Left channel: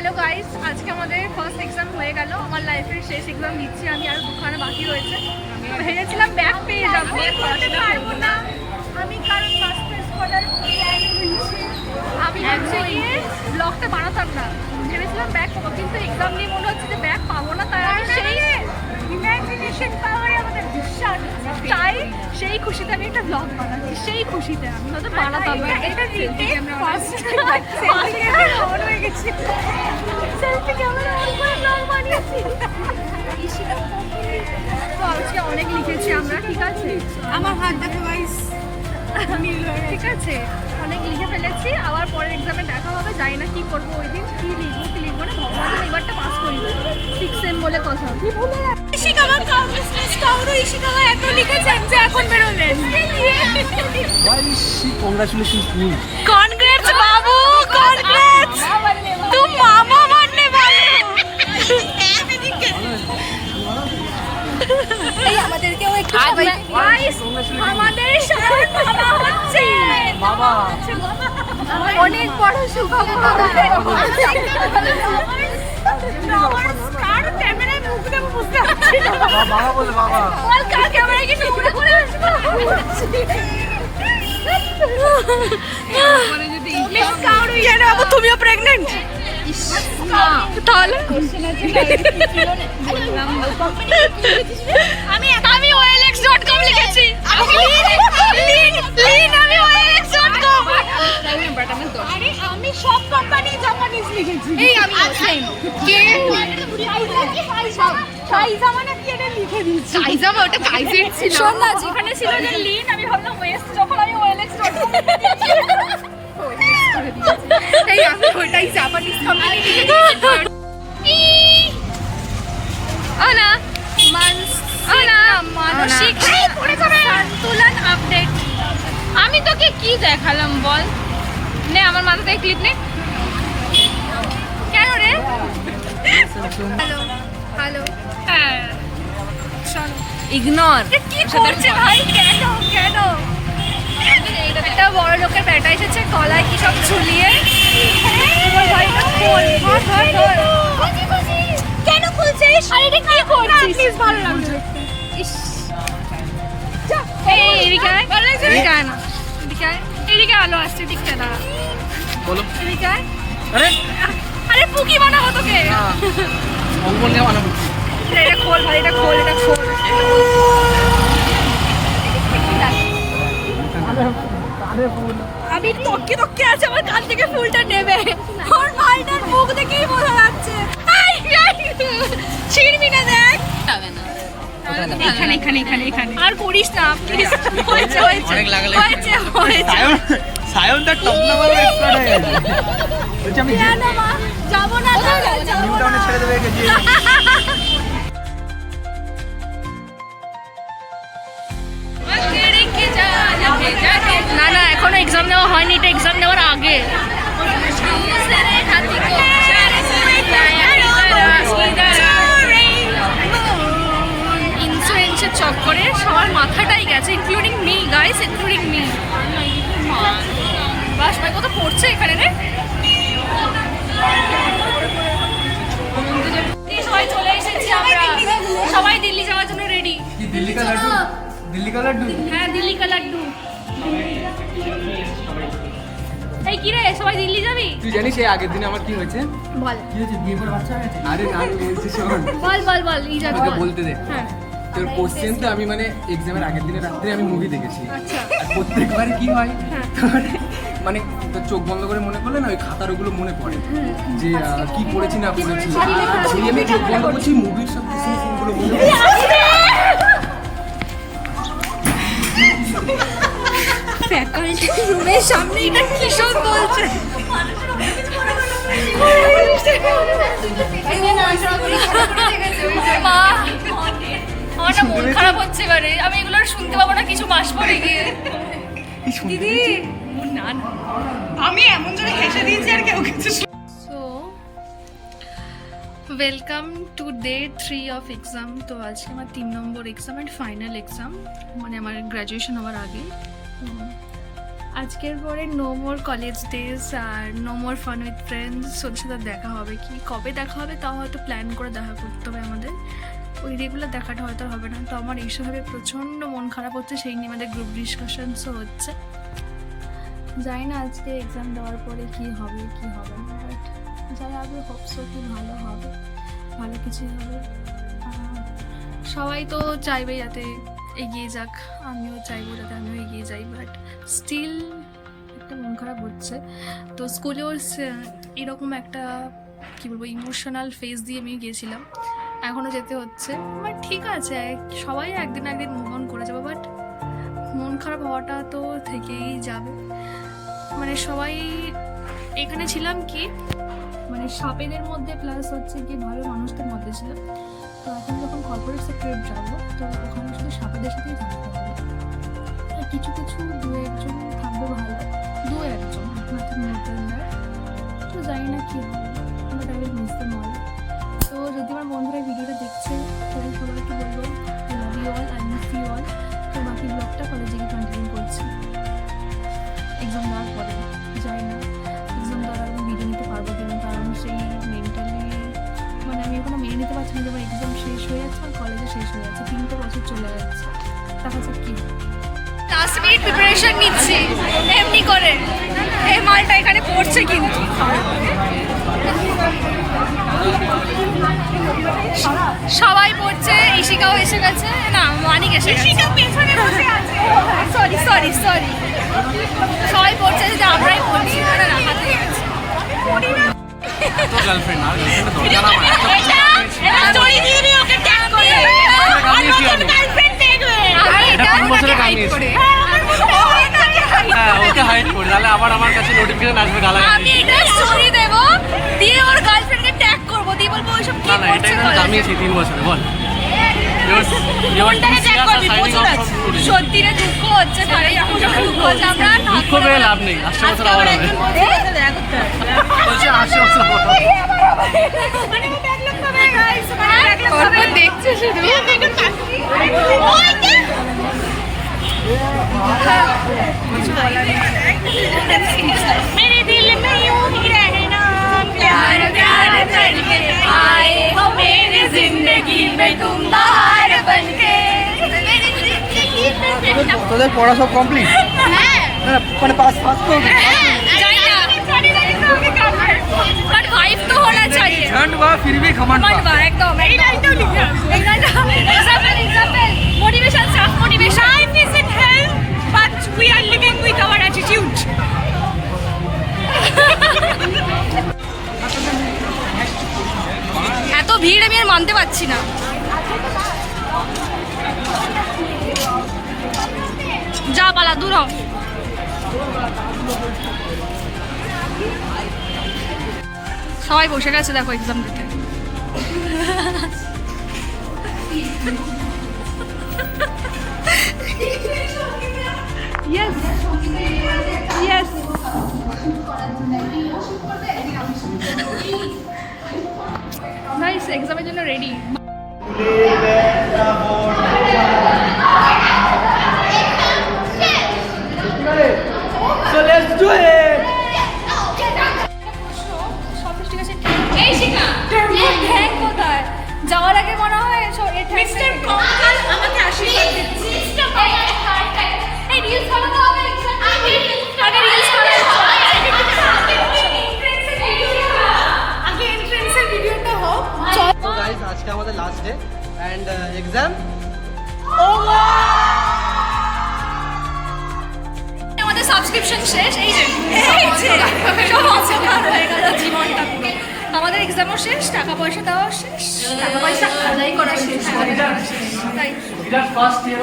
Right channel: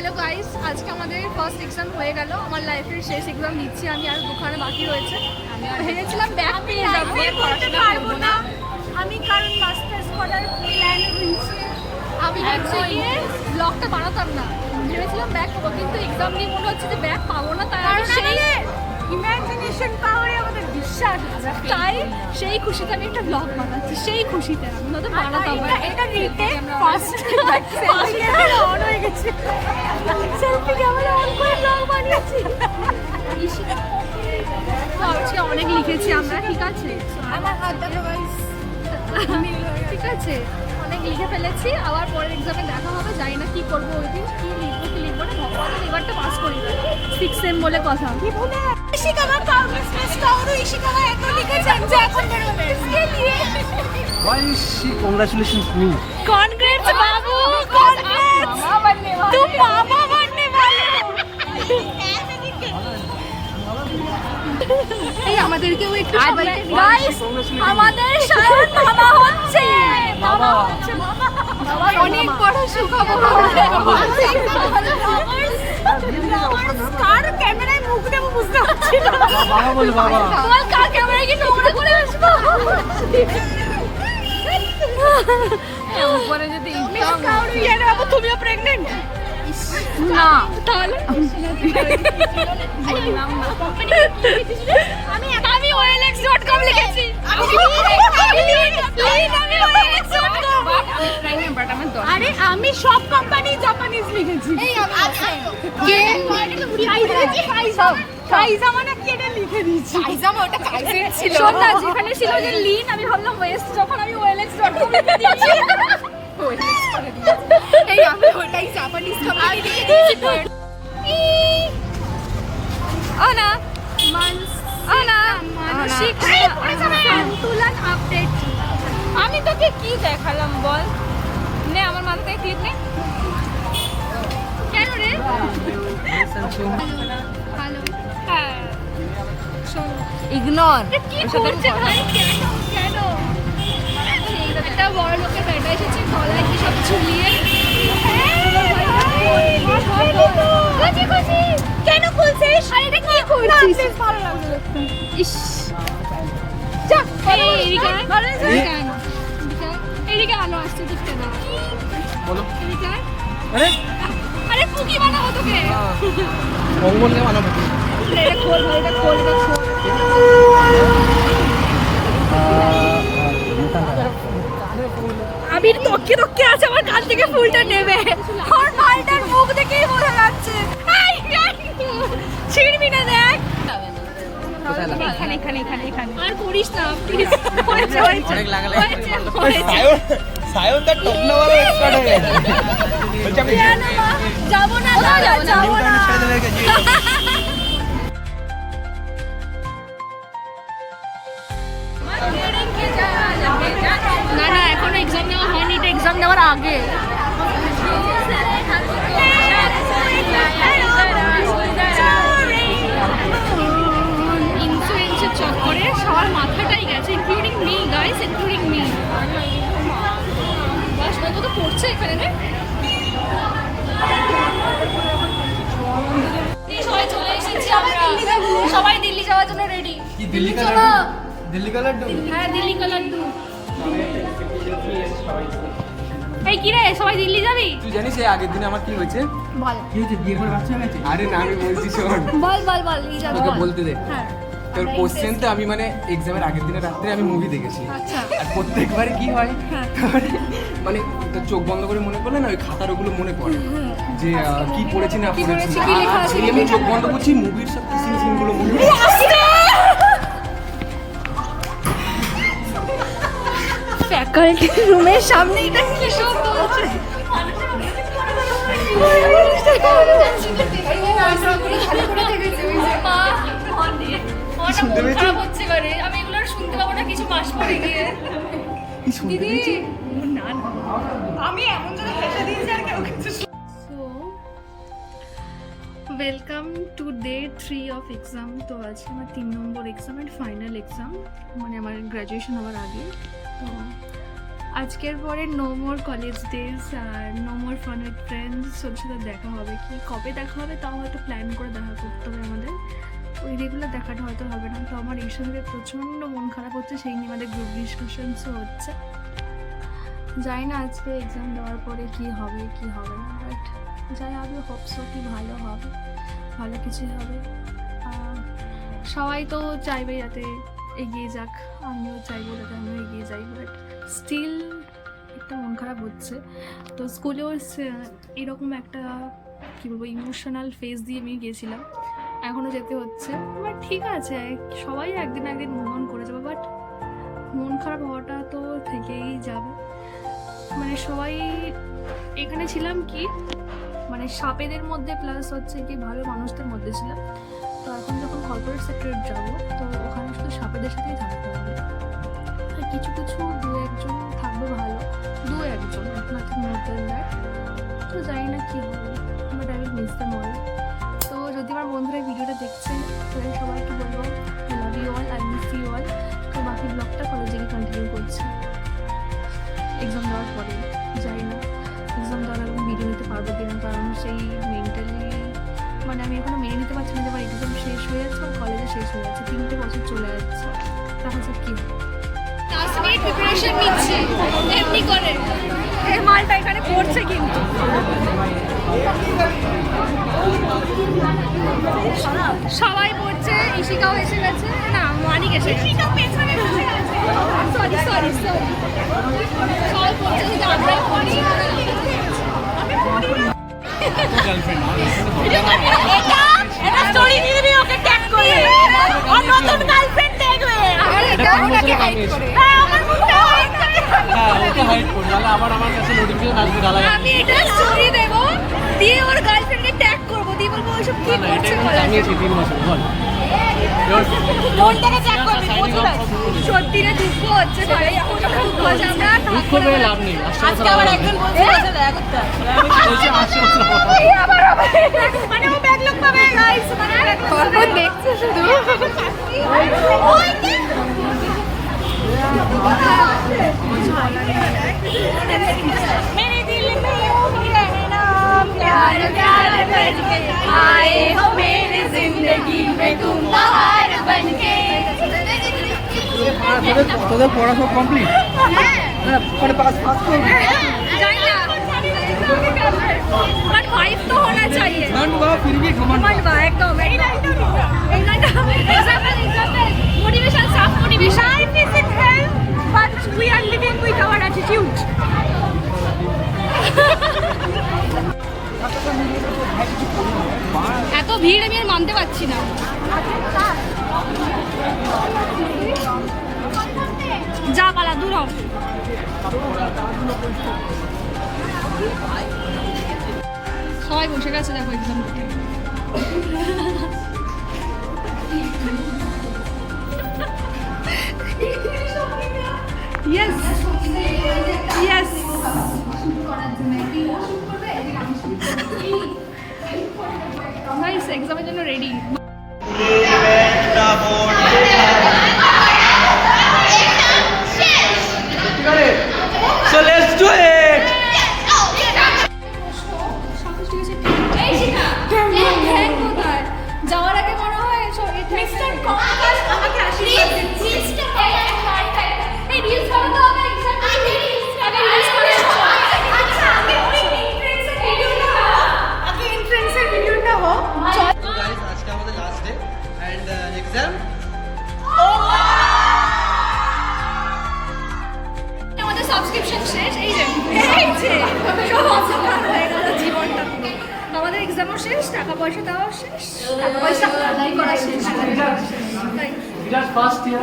Hello guys, আজকে আমাদের first exam হয়ে গেল। আমার লাইফের শেষ এক্সাম দিচ্ছি আমি, আর দুখানে বাকি রয়েছে। ভেবেছিলাম ব্যাক পেয়ে যাবো, বলতে পারবো না আমি, কারণ মাস্টার্স করার প্ল্যান রয়েছে। আমি হচ্ছে গিয়ে ব্লগটা বানাতাম না, ভেবেছিলাম ব্যাক পাবো, কিন্তু এক্সাম নিয়ে মনে হচ্ছে যে ব্যাক পাবো না। তাই আমি ইমাজিনেশন পাওয়ারে আমাদের বিশ্বাস আছে, তাই সেই খুশিতে আমি একটা ব্লগ বানাচ্ছি। সেই খুশিতে আমি হয়তো বানাতাম না। এটা রিটেক ফার্স্ট অন হয়ে গেছে, সেলফি ক্যামেরা অন করে ব্লগ বানিয়েছি। তো আজকে অনেক লিখেছি আমরা, ঠিক আছে? আমার হাত দেখো গাইস, ঠিক আছে, অনেক লিখে ফেলেছি। আবার পরের এক্সামে দেখা হবে, জানি না কি করবো ওই দিন, কি লিখবো না। ভগবান যেন এবারটা পাস করি না, 6 সেম বলে কথা। কি ভুলে ইশিকামা কংগ্রেস কাউরে ইশিকামা এত লিখেছেন যে এখন বেরোলেন। Why is she congratulations me? Congrats Babu, congrats, তুম মামা बनने वाले हो। এই আমাদেরকেও একটু গাইস, আমাদের সায়ন মামা হচ্ছে। বাবা অনেক বড় সুখবর। লভার্স কার ক্যামেরায় মুখ দেবো বুঝতে পারছি না। বাবা বলে বাবা বল কার ক্যামেরায় কি নোংরা করে আসবো? মিস কাউরি, কেন বাবু তুমিও প্রেগন্যান্ট? না তাহলে আমি OLX.com লিখেছি। লিন আমি OLX.com। আরে আমি সব কোম্পানি জাপানিজ লিখেছি। এই আমি সেম কে কাইজা মানে কেটে লিখে দিয়েছি। কাইজামা, ওটা কাইজের ছিল। শোন না, যেখানে ছিল যে লিন, আমি ভাবলাম ওয়েস্ট, যখন আমি OLX.com লিখে দিয়েছি। এই আমি ওইটাই জাপানিজ কোম্পানি লিখে দিয়েছি। ওনা মানসিক সন্তুলন আপডেট। আমি তোকে কি দেখালাম বল? নে আমার মাথাতে ক্লিপ নে। কেন রে? হ্যালো হ্যালো, হ্যাঁ চল। ইগনোর কি করছে ভাই? কেন কেন? একটা বড় লোকের বেটা এসেছে, গলায় কি সব ঝুলিয়ে। তোমার ভাইটা খোল, কেন খুলছিস? আরে এটা কি করছিস? ভালো লাগছে। ইস যা, এই এদিকে আয়, এদিকে আয় না, এদিকে আয়, এদিকে আলো আসছে, এদিকে না, বলো এদিকে আয়। আরে আরে পুকি বানাবো তোকে। বঙ্গবন্ধু বানাবো এটা খোল ভাই, এটা খোল, এটা খোল। আমি তককে তককে আছে, আমার কান থেকে ফুলটা নেবে। ওর ভাইটার মুখ দেখেই বোঝা যাচ্ছে। ছিড়বি না, দেখ এখানে এখানে এখানে এখানে। আর করিস না প্লিজ, হয়েছে হয়েছে অনেক লাগালে হয়েছে হয়েছে। সায়ন দা টপ নাম্বার এক্সপার্ট হয়ে গেছে বলছি আমি কেন মা যাবো না, যাবো না। না না, এখনো এক্সাম দেওয়া হয়নি, এটা এক্সাম দেওয়ার আগে। ইন্স্যুরেন্সের চক্করে সবার মাথাটাই গেছে, including me guys, including me. বাস ভাই কত পড়ছে এখানে রে। সবাই চলে এসেছি আমরা, সবাই দিল্লি যাওয়ার জন্য রেডি। দিল্লি কা লাড্ডু হ্যাঁ দিল্লি কা লাড্ডু। এই কি রে, সবাই দিল্লি যাবি? তুই জানিস এই আগের দিনে আমার কি হয়েছে? বল কি হয়েছে? বিয়ে করে বাচ্চা হয়ে গেছে? আরে না, আমি বলছি শোন, বল বল বল, ই যাবি তোকে বল। বলতে দে। হ্যাঁ। তোর কোশ্চেন তো আমি মানে এক্সামের আগের দিনে রাত্রে আমি মুভি দেখেছি, আর প্রত্যেকবার কি হয় মানে তোর চোখ বন্ধ করে মনে করলে না ওই খাতার ওগুলো মনে পড়ে যে কি পড়েছি না পড়েছি, আর যেই আমি চোখ বন্ধ করছি মুভির সব সিনগুলো মনে পড়ে। ফ্যাকাল্টি রুমের সামনে এটা কি সব বলছে? মা, আমার না মন খারাপ হচ্ছে এবারে, আমি এগুলো আর শুনতে পাবো না কিছু মাস পরে গিয়ে। দিদি না না, আমি এমন জোরে হেসে দিয়েছি আর কেউ কিছু। So welcome to day 3 of exam. তো আজকে আমার 3 number exam and final exam, মানে আমার গ্র্যাজুয়েশন হওয়ার আগে। তো আজকের পরে নো মোর কলেজ ডেজ আর no more fun with friends, ওদের সাথে দেখা হবে। কি কবে দেখা হবে তাও হয়তো প্ল্যান করে দেখা করতে হবে আমাদের, ওই রেগুলার দেখাটা হয়তো হবে না। তো আমার এইসবে প্রচণ্ড মন খারাপ হচ্ছে, সেই নিয়ে আমাদের গ্রুপ ডিসকাশনসও হচ্ছে। জানি না আজকে এক্সাম দেওয়ার পরে কি হবে কি হবে না, বাট যাই হবে হোপসো কি ভালো হবে, ভালো কিছুই হবে। সবাই তো চাইবে যাতে এগিয়ে যাক, আমিও চাইবো যাতে আমিও এগিয়ে যাই, বাট স্টিল একটা মন খারাপ হচ্ছে। তো স্কুলেও এরকম একটা কী বলবো ইমোশনাল ফেজ দিয়ে আমি গিয়েছিলাম, এখনও যেতে হচ্ছে। বাট ঠিক আছে, সবাই একদিন একদিন মুভ অন করে যাবে, বাট মন খারাপ হওয়াটা তো থেকেই যাবে। মানে সবাই এখানে ছিলাম কি মানে সাপেদের মধ্যে, প্লাস হচ্ছে কি ভালো মানুষদের মধ্যে ছিলাম। তো এখন যখন কর্পোরেট সেক্টরে যাবো তো ওখানে শুধু সাপেদের সাথেই থাকতে হবে। আর কিছু কিছু দু একজন থাকবে ভালো, দু একজন নাথিং মোর দ্যান দ্যাট। তো জানি না কী হবে, but I will miss them all. তো যদি আমার বন্ধুরা এই ভিডিওটা দেখছে তাহলে সবাইকে বলবো I love you all, I miss you all. তো বাকি ব্লগটা কলেজে গিয়ে কন্টিনিউ করছি এক্সাম দেওয়ার পরে। যাই না এক্সাম দেওয়ার আমি ভিডিও নিতে পারবো কিনা, কারণ সেই মেন্টালি মানে আমি এখনো মেনে নিতে পারছি না যে আমার এক্সাম শেষ হয়ে যাচ্ছে, আমার কলেজে শেষ হয়ে যাচ্ছে, 3টে বছর চলে যাচ্ছে। দেখা যাক কি লাস্ট মিনিট প্রিপারেশন নিচ্ছি এমনি করে। এই মালটা এখানে পড়ছে কিন্তু সবাই পড়ছে, ইশিকাও এসে গেছে, না মানিক এসে গেছে, ইশিকা পেছনে বসে আছে। সরি সরি সরি, সবাই পড়ছে যে আমরাই পড়ছি, না না হাতে গেছে। তো গার্লফ্রেন্ড আর গার্লফ্রেন্ড দরকার আমার এটা স্টোরি দিয়ে দিও, ওকে ট্যাগ করে আর গার্লফ্রেন্ড দেখবে। আমি এটা 3 বছরে কামিয়েছি। হ্যাঁ ওকে হাইড করে, তাহলে আবার আমার কাছে নোটিফিকেশন আসবে গালাগালি। আমি এটা স্টোরি দেব, দিয়ে ওর গার্লফ্রেন্ডকে ট্যাগ করব, দিয়ে বলবো ওইসব কি না না এটা করছে। কামিয়েছি 3 বছরে। বল ইওর সিরিয়াস আর সাইনিং অফ ফ্রম টুডে। সত্যি রে দুঃখ হচ্ছে, তাই দুঃখ হচ্ছে। আমরা দুঃখ পেয়ে লাভ নেই, 80 বছর আবার হবে। বলছে 80 বছর আবার হবে। মানে ও ব্যাক লক পাবে গাইস, ব্যাক লক পাবে দেখছে শুধু। मेरे दिल में यूं ही रहना, प्यार प्यार करके आए हो मेरी जिंदगी में तुम बाहर बनके। তোদের পড়া সব কমপ্লিট? হ্যাঁ না মানে পাস তো जाइए बट वाइफ तो होना चाहिए। ठंड हुआ फिर भी घमंड घमंड एकदम example motivation staff motivation. life isn't hell, but we are living with our attitude. এত ভিড় আমি আর মানতে পারছি না। যা পালা দূর হ। সবাই বসে গেছে দেখো এক্সাম দিতে। ইয়েস ইয়েস নাইস, এক্সামের জন্য ready. So let's do it. ঠ্যাং কোথায় যাওয়ার আগে মনে হয় Mr. Konkal আমাকে আশীর্বাদ দিন। এই রিলস করা তো হবে আগে রিলস করা আগে এন্ট্রান্সের ভিডিওটা হোক। So guys আজকে আমাদের লাস্ট ডে এন্ড এক্সাম। আমাদের সাবস্ক্রিপশন শেষ, এই যে সব অন্ধকার হয়ে গেল জীবনটা পুরো। আমাদের এক্সামও শেষ, টাকা পয়সা দেওয়াও শেষ, টাকা পয়সা আদায় করা শেষ। তাই বিরাট ফার্স্ট ইয়ার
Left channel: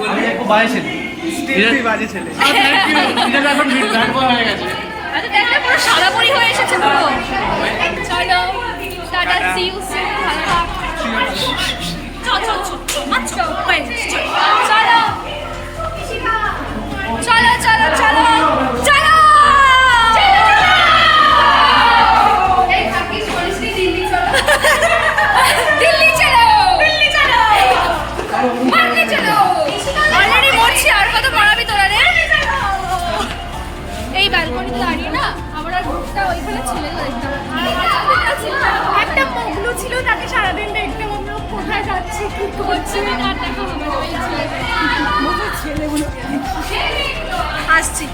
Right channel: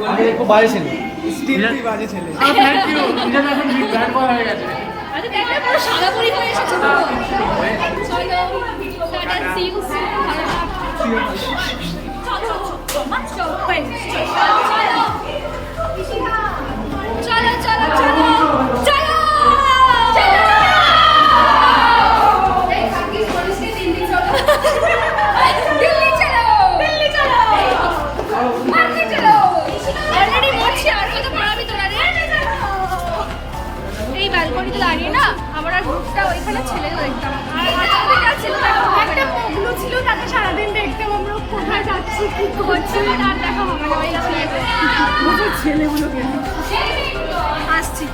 বলবে বাজে ছেলে, স্টিল বাজে ছেলে। আর থ্যাংক ইউ, বিরাট এখন ব্যাড বয় হয়ে গেছে। আচ্ছা দেখলে পুরো সাদা পরি হয়ে এসেছে পুরো। চলো টাটা, সি ইউ সুন, ভালো থাক। চলো চলো চলো চলো চলো দিল্লি চলো, দিল্লি চলো, মারতে চলো। অলরেডি মরছি, আর কত মারাবি তোরা রে? যাচ্ছি কি করছে আর দেখা হবে না ওই ছেলেগুলোকে আসছি,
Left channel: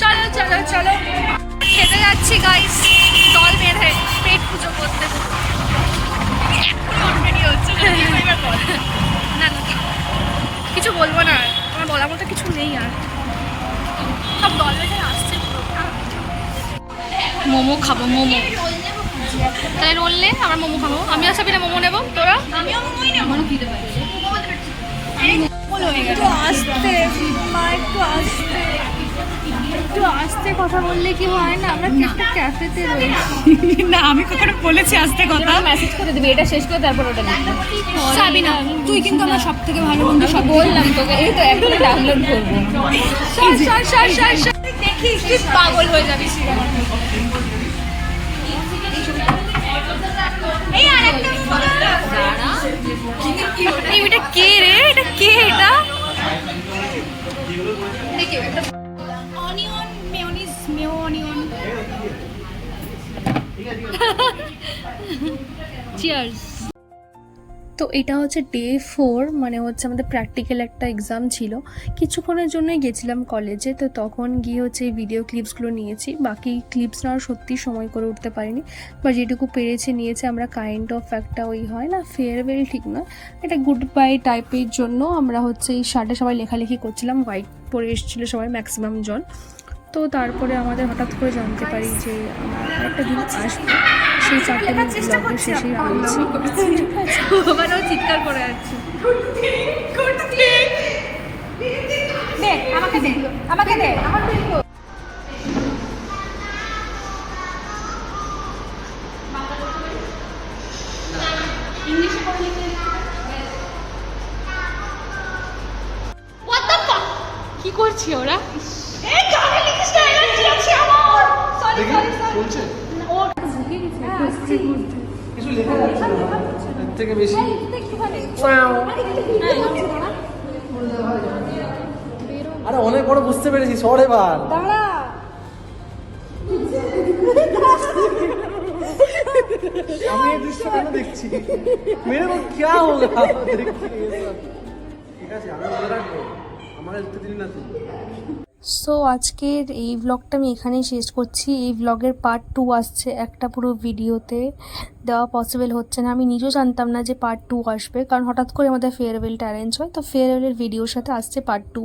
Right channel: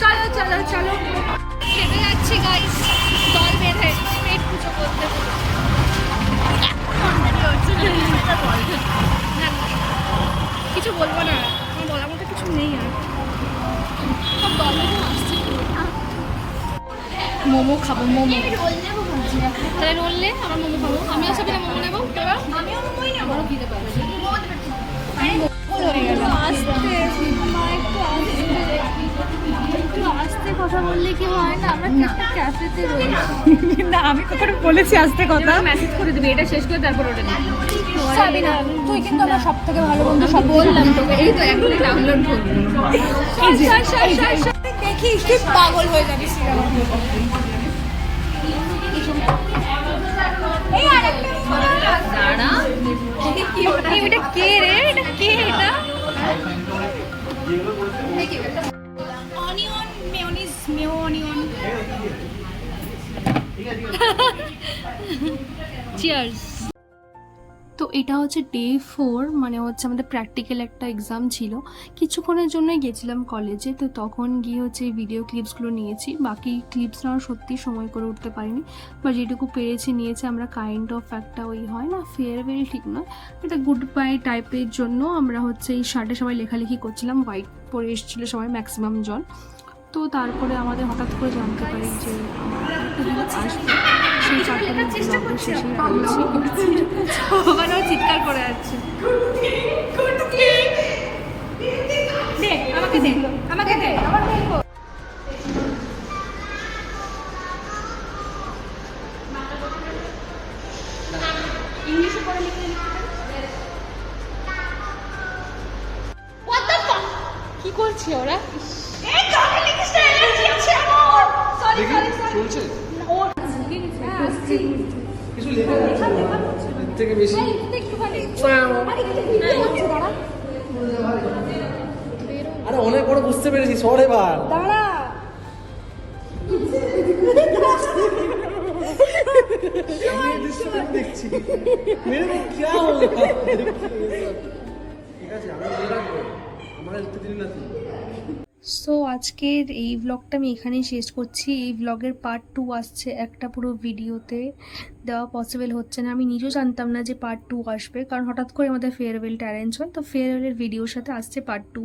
চলো চলো চলো খেতে যাচ্ছি গাইস, দল বেঁধে পেট পুজো করতে পুরো এখন অলরেডি হচ্ছে না না কিছু বলবো না, আমার বলার মতো কিছু নেই আর, সব দল বেঁধে আসছে পুরো। মোমো খাবো, মোমো তাহলে রোল নে, আমার মোমো খাবো, আমি আসা বিনা মোমো নেবো, তোরা একটু আস্তে মা, একটু আস্তে, একটু আস্তে কথা বললে কি হয় না? আমরা একটা ক্যাফেতে রয়েছি। না আমি কখনো বলেছি আজকে কথা মেসেজ করে দিবি, এটা শেষ করে তারপর ওটা লিখবি। সাবিনা তুই কিন্তু আমার সব থেকে ভালো বন্ধু, সব বললাম তোকে, এই তো একদম ডাউনলোড করবো। দেখি কি পাগল হয়ে যাবি। এই ওটা কে রে, এটা কে, এটা onion mayonnaise Mayo onion. Cheers. তো এটা হচ্ছে ডে 4, মানে হচ্ছে আমাদের প্র্যাকটিক্যাল একটা এক্সাম ছিল, কিছুক্ষণের জন্যই গেছিলাম কলেজে, তো তখন গিয়ে হচ্ছে এই ভিডিও ক্লিপসগুলো নিয়েছি, বাকি ক্লিপস নেওয়ার সত্যি সময় করে উঠতে পারিনি, বা যেটুকু পেরেছি নিয়েছি। আমরা কাইন্ড অফ একটা ওই হয় না ফেয়ারওয়েল ঠিক নয়, এটা গুড বাই টাইপের জন্য আমরা হচ্ছে এই শার্টে সবাই লেখালেখি করছিলাম, হোয়াইট পরে এসেছিলো সবাই ম্যাক্সিমাম জন। তো তারপরে আমাদের হঠাৎ করে জানতে পারি যে আমরা একটা দিন আসবো, সেই চারটে ব্লগের শেষেই রয়েছি। মানে ও চিৎকার করে যাচ্ছে। দে আমাকে দে, আমাকে দে, আমার দেখবো। ইংলিশে করে লিখে কি করছি ওরা? চলছে কিছু লেখা যাচ্ছে না, এর থেকে বেশি আরে অনেক বড় বুঝতে পেরেছি, সর এবার দাঁড়া, আমি এই দৃশ্যটা দেখছি, মেরে क्या होगा, ঠিক আছে আমি মনে রাখবো, আমার দেখতে দিন না তুই। সো আজকের এই ব্লগটা আমি এখানেই শেষ করছি। এই ব্লগের পার্ট 2 আসছে, একটা পুরো ভিডিওতে দেওয়া পসিবল হচ্ছে না, আমি নিজেও জানতাম না যে পার্ট 2 আসবে, কারণ হঠাৎ করে আমাদের ফেয়ারওয়েলটা অ্যারেঞ্জ হয়, তো ফেয়ারওয়েলের ভিডিওর সাথে আসছে পার্ট 2।